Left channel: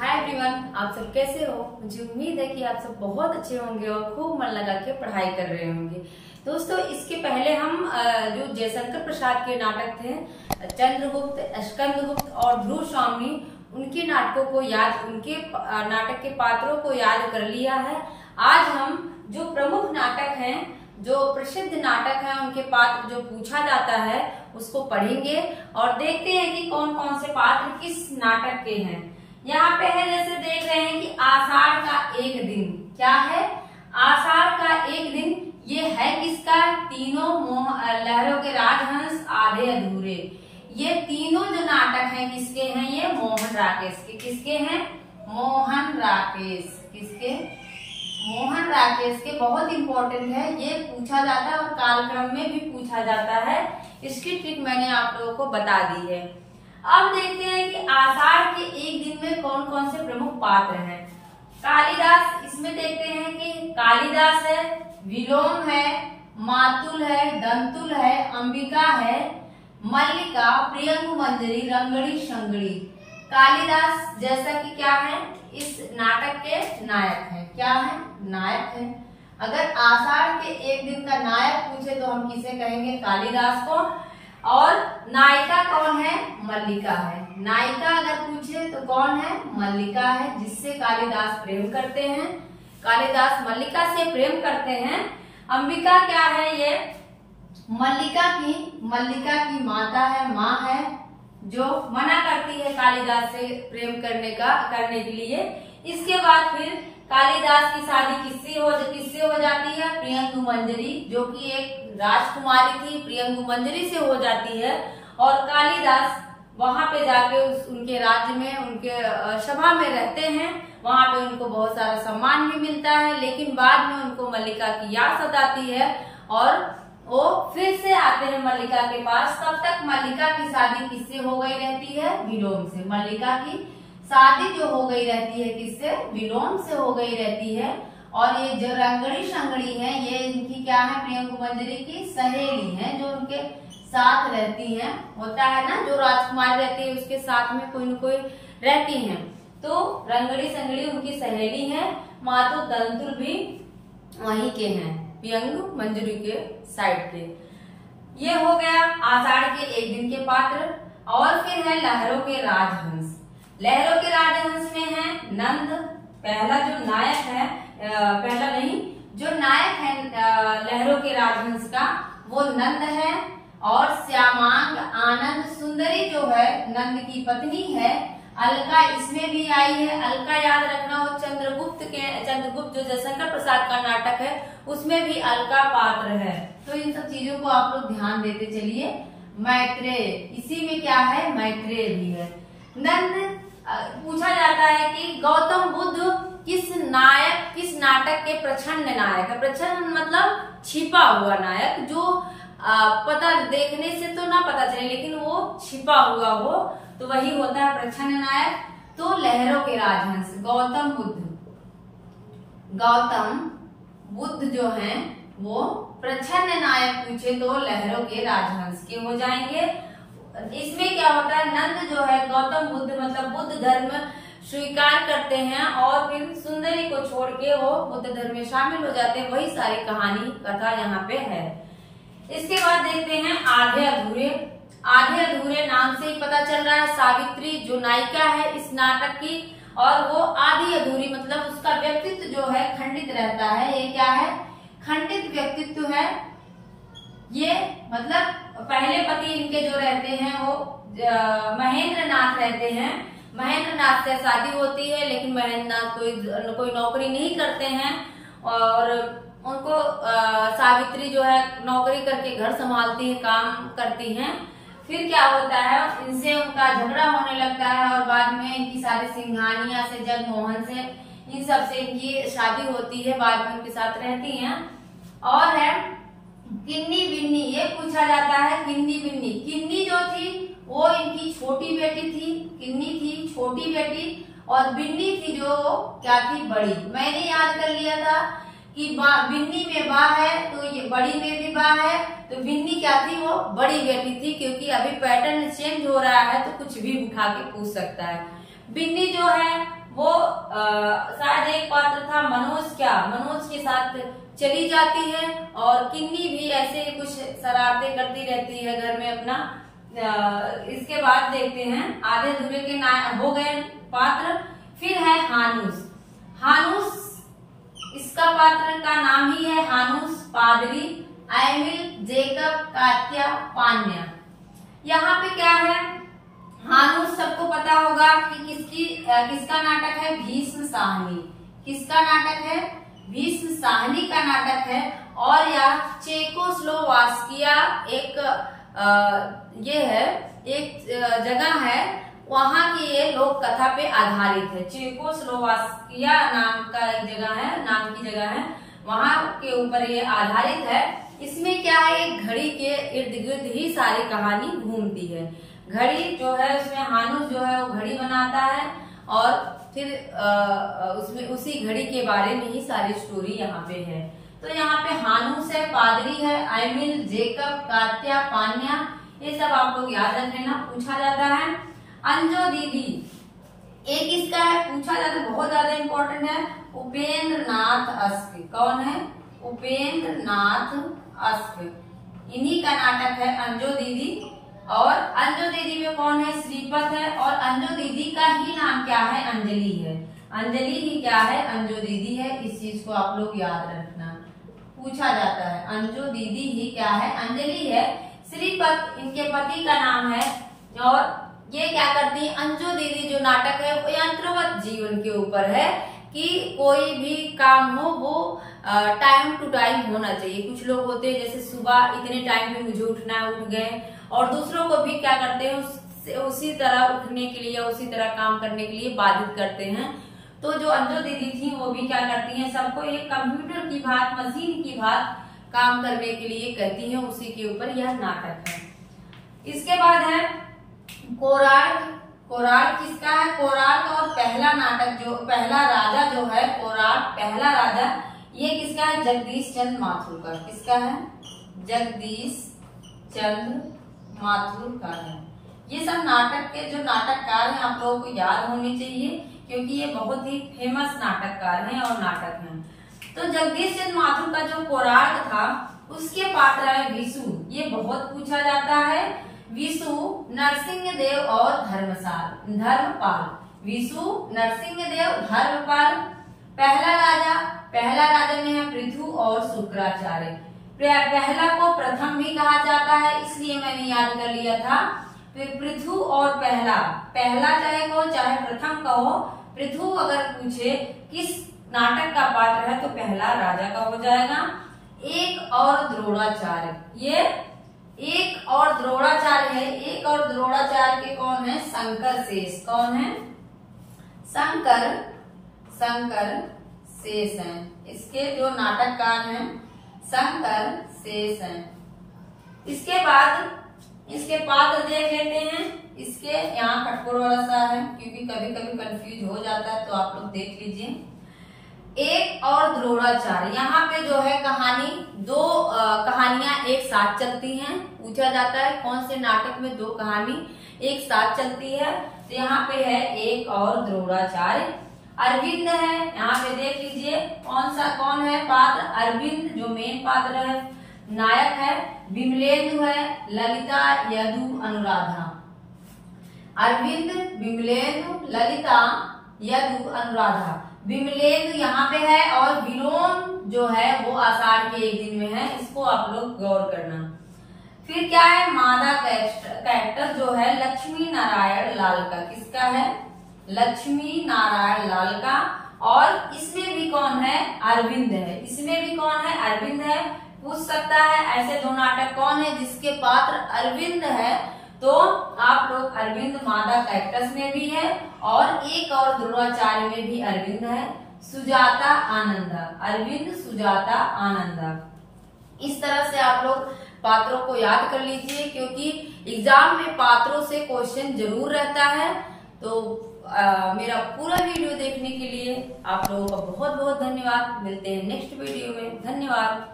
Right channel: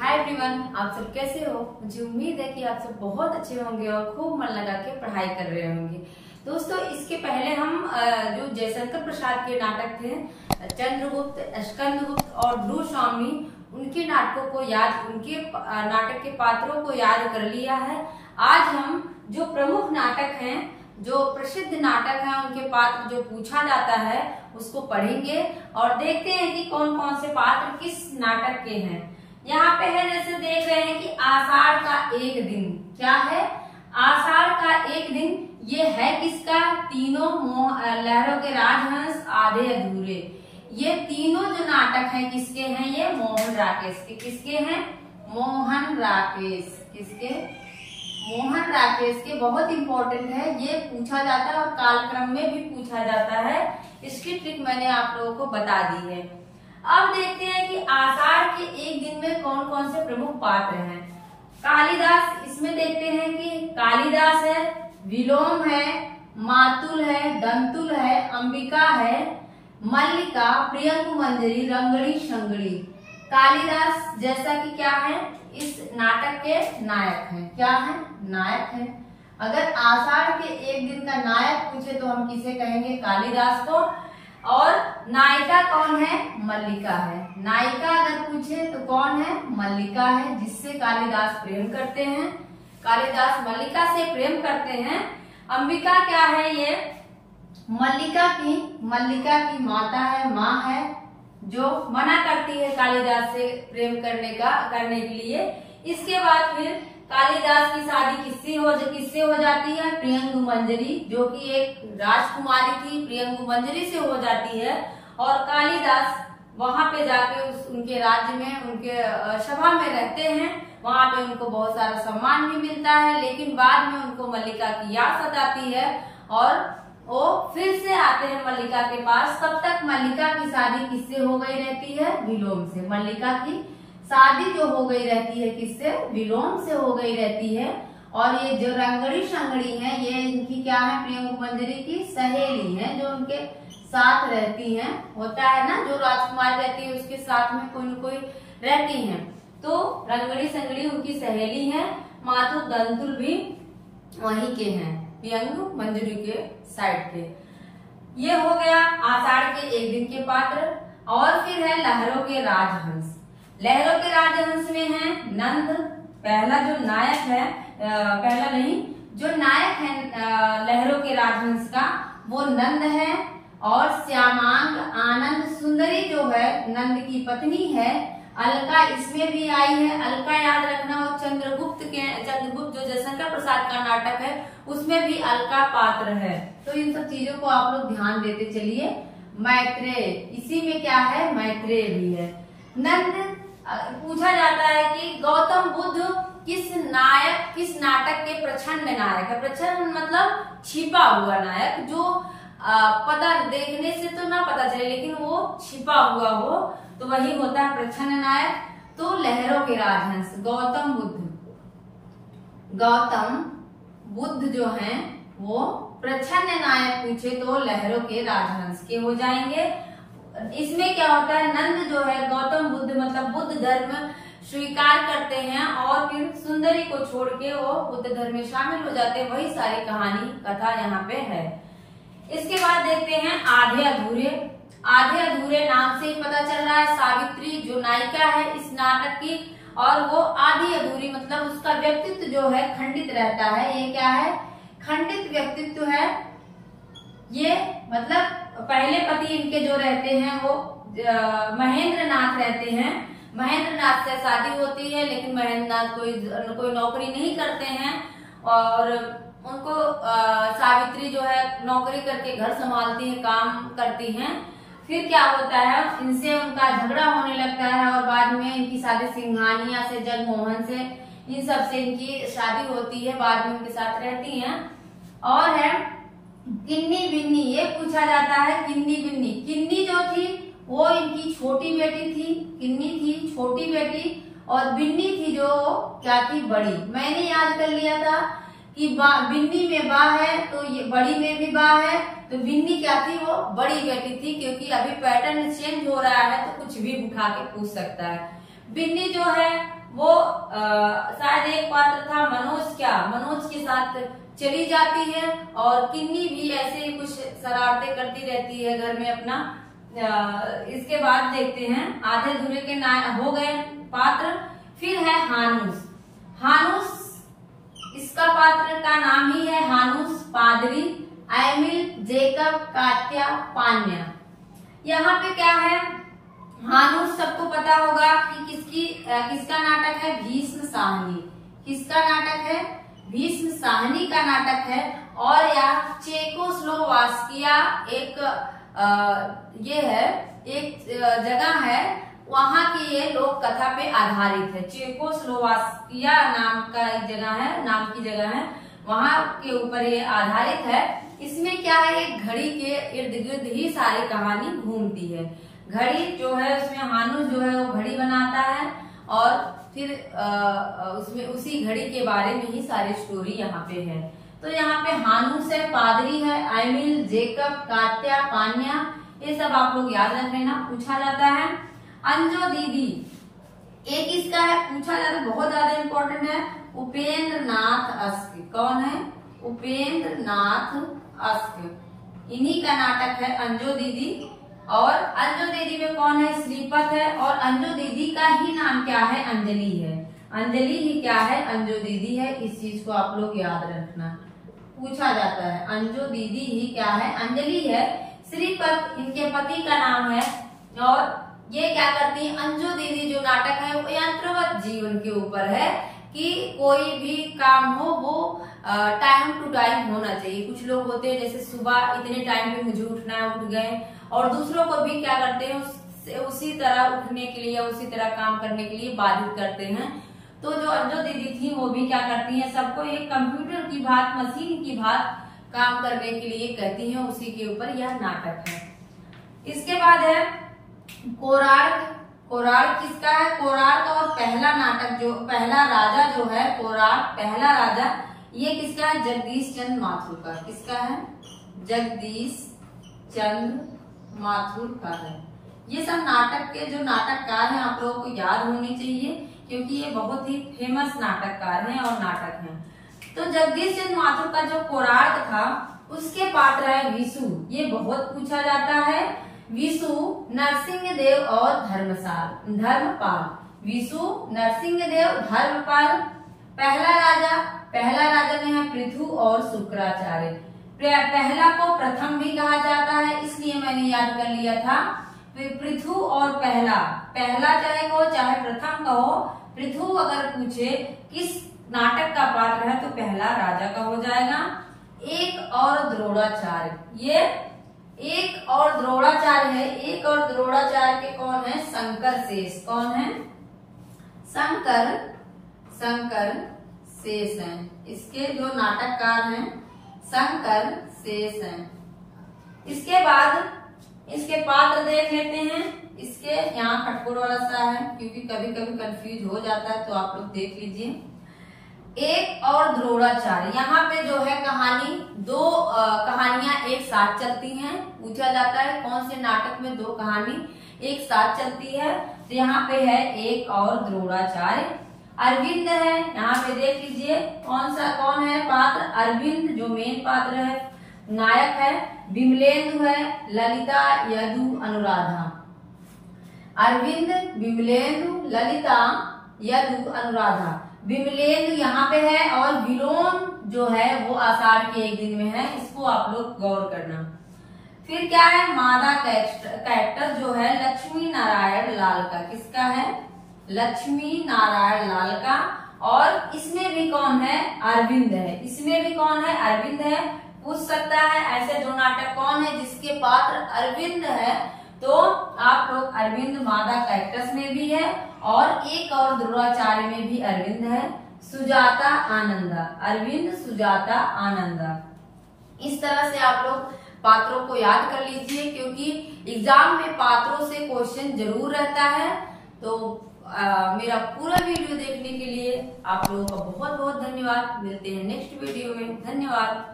Hi everyone, आप सब कैसे हो। मुझे उम्मीद है कि आप सब बहुत अच्छे होंगे और खूब मन लगा के पढ़ाई कर रहे होंगे। दोस्तों, इसके पहले हम जो जयशंकर प्रसाद के नाटक थे चंद्रगुप्त, स्कंदगुप्त और ध्रुव स्वामी, उनके नाटकों को उनके नाटक के पात्रों को याद कर लिया है। आज हम जो प्रमुख नाटक हैं, जो प्रसिद्ध नाटक हैं, उनके पात्र जो पूछा जाता है उसको पढ़ेंगे और देखते हैं कि कौन कौन से पात्र किस नाटक के हैं। यहाँ पे है, जैसे देख रहे हैं कि आषाढ़ का एक दिन। क्या है? आषाढ़ का एक दिन। ये है किसका? तीनों लहरों के राजहंस, आधे अधूरे। ये तीनों जो नाटक हैं किसके हैं? ये मोहन राकेश के। किसके हैं? मोहन राकेश। किसके? मोहन राकेश के। बहुत इंपॉर्टेंट है, ये पूछा जाता है और कालक्रम में भी पूछा जाता है। इसकी ट्रिक मैंने आप लोगों को बता दी है। अब देखते हैं कि आषाढ़ के एक दिन में कौन कौन से प्रमुख पात्र हैं। कालिदास, इसमें देखते हैं कि कालिदास है, विलोम है, मातुल है, दंतुल है, अंबिका है, मल्लिका, प्रियंगु मंजरी, रंगड़ी शंगड़ी। कालिदास जैसा कि क्या है, इस नाटक के नायक है। क्या है? नायक है। अगर आषाढ़ के एक दिन का नायक पूछे तो हम किसे कहेंगे? कालिदास को। और नायिका कौन है? मल्लिका है। नायिका अगर पूछे तो कौन है? मल्लिका है, जिससे कालिदास प्रेम करते हैं। कालिदास मल्लिका से प्रेम करते हैं। अंबिका क्या है? ये मल्लिका की माता है, माँ है, जो मना करती है कालिदास से प्रेम करने के लिए। इसके बाद फिर कालिदास की शादी किससे हो जाती है? प्रियंगु मंजरी, जो कि एक राजकुमारी थी, प्रियंगु मंजरी से हो जाती है। और कालिदास वहां पे जाके उनके राज्य में, उनके सभा में रहते हैं। वहां पे उनको बहुत सारा सम्मान भी मिलता है, लेकिन बाद में उनको मल्लिका की याद सताती है और वो फिर से आते हैं मल्लिका के पास। तब तक मल्लिका की शादी किससे हो गई रहती है? विलोम से। मल्लिका की शादी जो हो गई रहती है किससे? विलोम से हो गई रहती है। और ये जो रंगड़ी शंगड़ी है, ये इनकी क्या है? प्रियंगु मंजरी की सहेली है, जो उनके साथ रहती हैं। होता है ना, जो राजकुमारी रहती है उसके साथ में कोई न कोई रहती हैं। तो रंगड़ी संगड़ी उनकी सहेली है। मातु दंतुल भी वहीं के हैं, प्रियंगु मंजरी के साइड पे। ये हो गया आषाढ़ के एक दिन के पात्र। और फिर है लहरों के राजहंस। लहरों के राजहंस में है नंद। पहला जो नायक है, पहला नहीं, जो नायक है लहरों के राजहंस का, वो नंद है। और श्यामांग, आनंद सुंदरी जो है नंद की पत्नी है। अलका इसमें भी आई है। अलका याद रखना, वो चंद्रगुप्त जो जयशंकर प्रसाद का नाटक है उसमें भी अलका पात्र है। तो इन सब चीजों को आप लोग ध्यान देते चलिए। मैत्रेय, इसी में क्या है? मैत्रेय भी है। नंद पूछा जाता है कि गौतम बुद्ध किस नाटक के प्रच्छन्न नायक है। प्रच्छन्न मतलब छिपा हुआ नायक, जो पता देखने से तो ना पता चले लेकिन वो छिपा हुआ हो, तो वही होता है प्रच्छन्न नायक। तो लहरों के राजहंस गौतम बुद्ध जो हैं वो प्रच्छन्न नायक पूछे तो लहरों के राजहंस के हो जाएंगे। इसमें क्या होता है? नंद जो है गौतम बुद्ध मतलब बुद्ध धर्म स्वीकार करते हैं और फिर सुंदरी को छोड़ के वो बुद्ध धर्म में शामिल हो जाते हैं। वही सारी कहानी कथा यहाँ पे है। इसके बाद देखते हैं आधे अधूरे। आधे अधूरे नाम से ही पता चल रहा है, सावित्री जो नायिका है इस नाटक की, और वो आधी अधूरी मतलब उसका व्यक्तित्व जो है खंडित रहता है। ये क्या है? खंडित व्यक्तित्व है। ये मतलब पहले पति इनके जो रहते हैं वो महेंद्र नाथ रहते हैं। महेंद्र नाथ से शादी होती है, लेकिन महेंद्र नाथ कोई नौकरी नहीं करते हैं और उनको सावित्री जो है नौकरी करके घर संभालती है, काम करती हैं। फिर क्या होता है? इनसे उनका झगड़ा होने लगता है और बाद में इनकी शादी सिंघानिया से, जगमोहन से, इन सब से इनकी शादी होती है। बाद में उनके साथ रहती हैं। और है किन्नी बिन्नी। ये पूछा जाता है किन्नी बिन्नी। किन्नी जो थी वो इनकी छोटी बेटी थी। किन्नी थी छोटी बेटी और बिन्नी थी जो क्या थी? बड़ी। मैंने याद कर लिया था कि बिन्नी में बा है तो ये बड़ी में भी बा है, तो बिन्नी क्या थी? वो बड़ी बेटी थी। क्योंकि अभी पैटर्न चेंज हो रहा है तो कुछ भी उठा के पूछ सकता है। बिन्नी जो है वो शायद एक पात्र था मनोज के साथ चली जाती है और किन्नी भी ऐसे ही कुछ शरारतें करती रहती है घर में अपना। इसके बाद देखते हैं आधे अधूरे के हो गए पात्र। फिर है हानूस, इसका पात्र का नाम ही है हानूस, पादरी, एमिल, जेकब, कात्या, पान्या। यहाँ पे क्या है, हानूस सबको पता होगा कि किसका नाटक है, भीष्म साहनी। किसका नाटक है, भीष्म साहनी का नाटक है। और यह चेकोस्लोवाकिया एक जगह है, वहां की ये लोक कथा पे आधारित है। चेकोस्लोवाकिया नाम की जगह है, वहां के ऊपर ये आधारित है। इसमें क्या है, एक घड़ी के इर्द गिर्द ही सारी कहानी घूमती है। घड़ी जो है उसमें हानूस जो है वो घड़ी बनाता है और फिर उसमें उसी घड़ी के बारे में ही सारी स्टोरी यहाँ पे है। तो यहाँ पे हानूस है, पादरी है, एमिल, जेकब, कात्या, पान्या, ये सब आप लोग याद रख लेना, पूछा जाता है। अंजो दीदी एक इसका है, पूछा जाता है, बहुत ज्यादा इंपॉर्टेंट है, उपेंद्र नाथ अस्क। कौन है, उपेंद्र नाथ अस्क। इन्हीं का नाटक है अंजो दीदी। और अंजो दीदी में कौन है, श्रीपत है। और अंजो दीदी का ही नाम क्या है, अंजलि है। अंजलि ही क्या है, अंजो दीदी है। इस चीज को आप लोग याद रखना, पूछा जाता है। अंजो दीदी ही क्या है, अंजलि है। श्रीपत इनके पति का नाम है। और ये क्या करती है, अंजो दीदी जो नाटक है वो यंत्रवत जीवन के ऊपर है कि कोई भी काम हो वो टाइम टू टाइम होना चाहिए। कुछ लोग होते हैं जैसे सुबह इतने टाइम पे मुझे उठना है, उठ गए, और दूसरों को भी क्या करते हैं उसी तरह उठने के लिए, उसी तरह काम करने के लिए बाधित करते हैं। तो जो अंजो दीदी थी वो भी क्या करती हैं, सबको एक कंप्यूटर की बात, मशीन की बात काम करने के लिए कहती हैं। उसी के ऊपर यह नाटक है। इसके बाद है कोरार्क किसका है, कोरार्क और पहला नाटक जो पहला राजा जो है, कोरार्क पहला राजा, ये किसका है, जगदीश चंद्र माथुर का। किसका है, जगदीश चंद्र माथुर का है। ये सब नाटक के जो नाटककार हैं आप लोगों को याद होने चाहिए, क्योंकि ये बहुत ही फेमस नाटककार हैं और नाटक हैं। तो जगदीश चंद्र माथुर का जो कोरार्क था उसके पात्र है विशु। ये बहुत पूछा जाता है। विशु, नरसिंहदेव और धर्मपाल। विशु, नरसिंहदेव, धर्मपाल। पहला राजा में है पृथु और शुक्राचार्य। पहला को प्रथम भी कहा जाता है, इसलिए मैंने याद कर लिया था। फिर पृथु और पहला चाहे कहो चाहे प्रथम कहो, पृथु अगर पूछे किस नाटक का पात्र है तो पहला राजा का हो जाएगा। एक और द्रोणाचार्य, ये एक और द्रोणाचार्य है। एक और द्रोणाचार्य के कौन है, शंकर शेष। कौन है, शंकर शेष हैं। इसके जो नाटककार हैं शंकर शेष हैं। इसके बाद इसके पात्र देख लेते हैं। इसके यहाँ कटकोर वाला सा है, क्योंकि कभी कभी कंफ्यूज हो जाता है, तो आप लोग देख लीजिए। एक और द्रोणाचार्य, यहाँ पे जो है कहानी, दो कहानियां एक साथ चलती हैं। पूछा जाता है कौन से नाटक में दो कहानी एक साथ चलती है, तो यहाँ पे है एक और द्रोणाचार्य। अरविंद है, यहाँ पे देख लीजिए कौन है पात्र, अरविंद जो मेन पात्र है, नायक है। विमलेंदु है, ललिता, यदु, अनुराधा। अरविंद, विमलेंदु, ललिता, यदु, अनुराधा। विमलेंदु यहाँ पे है और विलोम जो है वो आषाढ़ के एक दिन में है, इसको आप लोग गौर करना। फिर क्या है, मादा कैरेक्टर जो है लक्ष्मी नारायण लाल का। किसका है, लक्ष्मी नारायण लाल का। और इसमें भी कौन है, अरविंद है। इसमें भी कौन है, अरविंद है। पूछ सकता है ऐसे दो नाटक कौन है जिसके पात्र अरविंद है, तो आप लोग अरविंद मादा कैरेक्टर्स में भी है और एक और द्रोणाचार्य में भी अरविंद है। सुजाता आनंदा, अरविंद, सुजाता, आनंदा। इस तरह से आप लोग पात्रों को याद कर लीजिए, क्योंकि एग्जाम में पात्रों से क्वेश्चन जरूर रहता है। तो मेरा पूरा वीडियो देखने के लिए आप लोगों का बहुत बहुत धन्यवाद। मिलते हैं नेक्स्ट वीडियो में। धन्यवाद।